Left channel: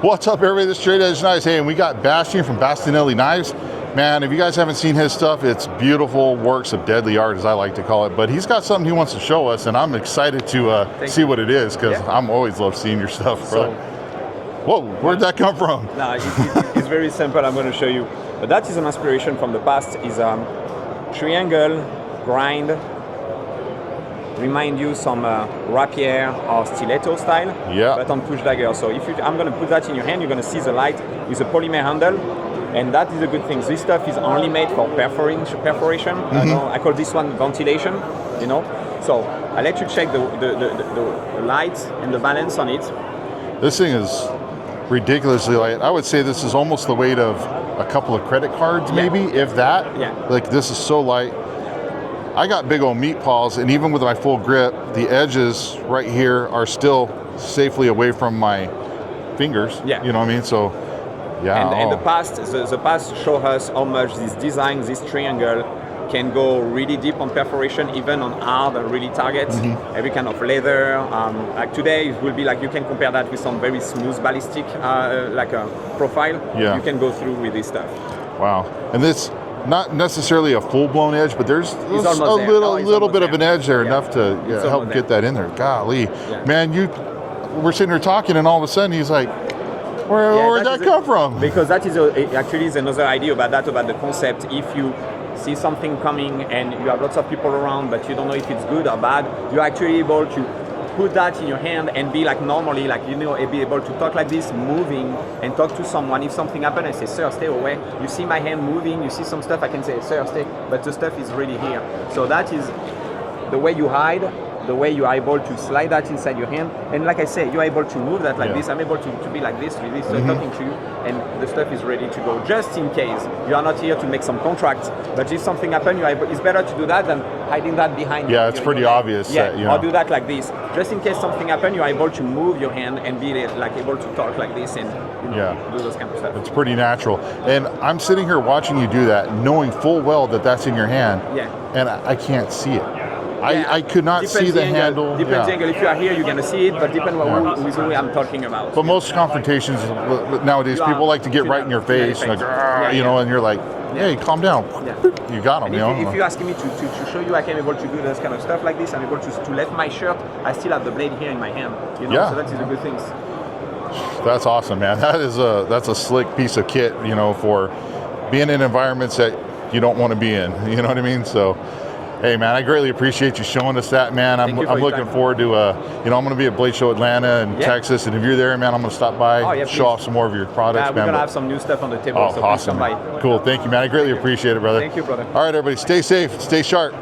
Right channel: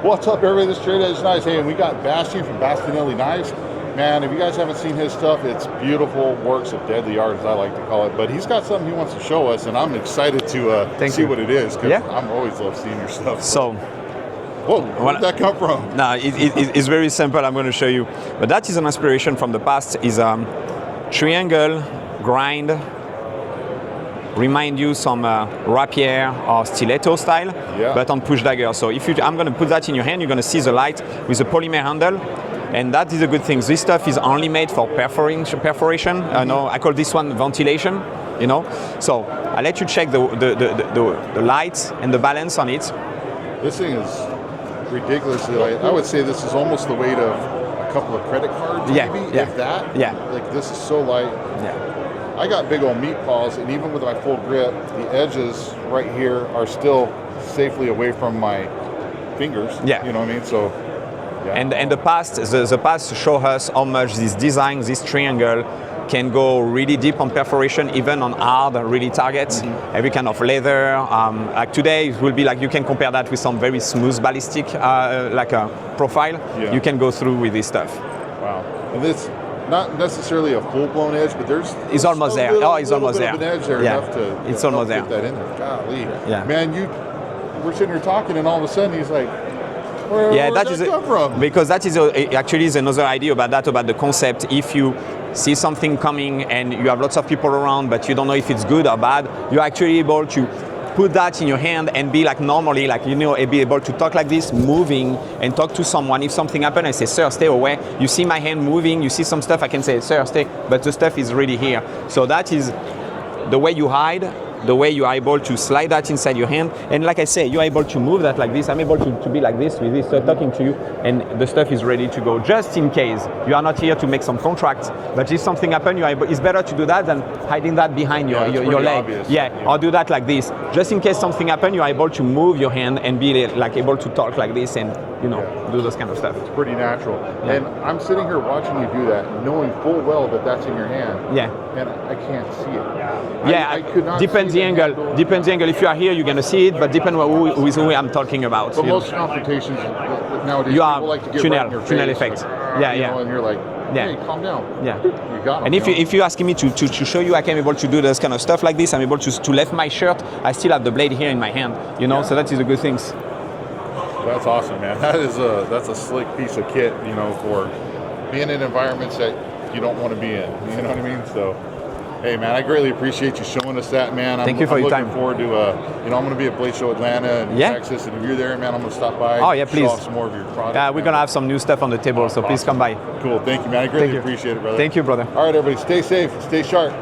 What's up, everybody? This is Straight Edge Knives. Hey, and we got Bastion from Bastinelli Knives. Man, if you guys haven't seen his stuff, it's beautiful works of deadly art, as I like to call it. But he's got something he wants to show us, and I'm excited to see what it is, because I'm always love seeing your stuff. So, whoa, where did that come from? No, it's very simple. I'm going to show you. But that is an inspiration from the past. Is triangle grind. Remind you some rapier or stiletto style, but on push dagger. So if I'm going to put that in your hand, you're going to see the light with a polymer handle, and that is a good thing. This stuff is only made for perforation. No, I call this one ventilation. You know, so I'll let you check the light and the balance on it. This thing is ridiculously light. I would say this is almost the weight of a couple of credit cards, maybe, if that. Yeah. Like, this is so light. I got big old meat paws, and even with my full grip, the edges right here are still safely away from my fingers. Yeah. You know what I mean? So, yeah. And the past show us how much this design, this triangle, can go really deep on perforation, even on hard and really targets. Every kind of leather. Like today, it will be like, you can compare that with some very smooth ballistic, like a profile. You can go through with this stuff. Wow. And this, not necessarily a full-blown edge, but there's it's almost there. A little bit of an edge there, enough to help get that in there. Golly. Man, we're sitting here talking, and all of a sudden he's like, where did that come from? Because that is actually is another idea about that, about the concept. If you see something coming and you have lots of people around, but you don't know if it's good or bad, you're actually able to put that in your hand and be like normally, like, you know, be able to talk like this, moving, and talk to someone. If something happens, I say, sir, stay away. You see my hand moving, you see some stuff, I can say, sir, stay, but the stuff is really here. So that is the way you hide, the way you are able to slide that inside your hand. And like I say, you're able to move that like this. I'm able to be like this with this, so talking to you, and the stuff is ready to go. Just in case you are not here to make some contract, but if something happens, it's better to do that than hiding that behind your it's pretty obvious. Or do that like this. Just in case something happens, you're able to move your hand and be like able to talk like this and, you know, do those kind of stuff. It's pretty natural. And I'm sitting here watching you do that, knowing full well that that's in your hand. And I can't see it. I could not see the handle. Depends the angle. If you are here, you're going to see it, but depends with who I'm talking about. But most confrontations nowadays, people like to get right in your face. Like, you know, and you're like, hey, calm down. You got them. And if you're asking me to show you, I am able to do this kind of stuff like this. I'm able to lift my shirt. I still have the blade here in my hand. You know, so that is a good thing. That's awesome, man. That's a slick piece of kit, you know, for being in environments that you don't want to be in. You know what I mean? So, hey, man, I greatly appreciate you showing us that, man. I'm looking forward to, you know, I'm going to be at Blade Show Atlanta and Texas, and if you're there, man, I'm going to stop by, show off some more of your products. We're going to have some new stuff on the table, so please come by. Cool, thank you, man. I greatly appreciate it, brother. Thank you, brother. All right, everybody, stay safe, stay sharp.